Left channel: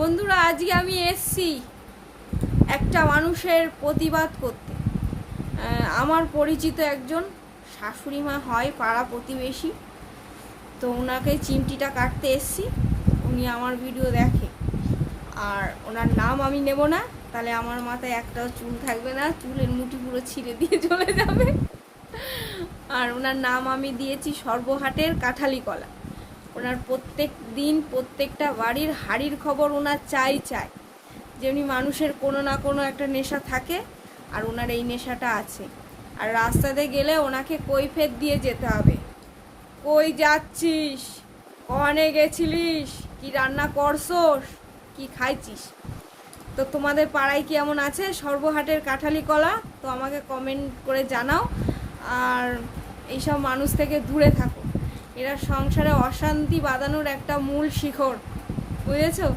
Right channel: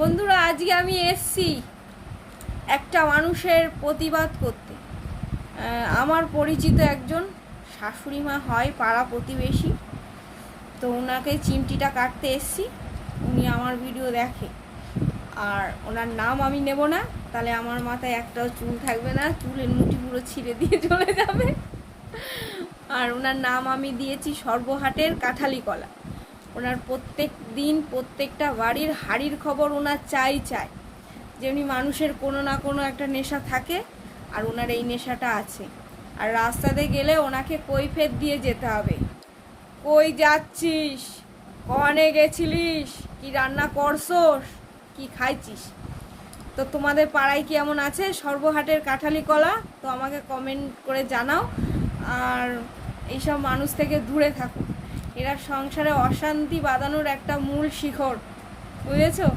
বন্ধুরা, আজকে আমি এসছি একটা মানুষের প্রতিবাদ করতে। আমার পরিচিত একজন শাশুড়ি মা হয়, পাড়া প্রতিবেশী, তো ওনাকে চিমটিটা কাটতে এসছি। উনি আমার ভিডিও দেখে, আর ওনার নাম আমি নেব না, তাহলে আমার মাথায় একটাও চুল থাকবে না, চুলের মুঠি পুরো ছিঁড়ে দিয়ে চলে যাবে। আর ওনার নাম আমি দিয়েছি সর্বহাটের কাঁঠালি কলা। ওনার প্রত্যেক দিন প্রত্যেকটা বাড়ির হাড়ির খবর ওনার চাই। যেমনি মানুষের কোনো না কোনো একটা নেশা থাকে, আর ওনার এই নেশাটা আছে। আর রাস্তাতে গেলে ওনাকে কৈফিয়ত দিয়ে যেতে হবে। কই যাচ্ছিস, কনে গেছিলিস, কি রান্না করছস, কি খাইছিস। তো তোমাদের পাড়ায় কি এমন আছে সর্বহাটের কাঁঠালি কলা? তো আমাকে কমেন্ট করে জানাও। আর এইসব মানুষ থেকে দূরে থাকো, এরা সংসারে অশান্তি বাঁধানোর একটা মূল শিখর, বুঝেছো?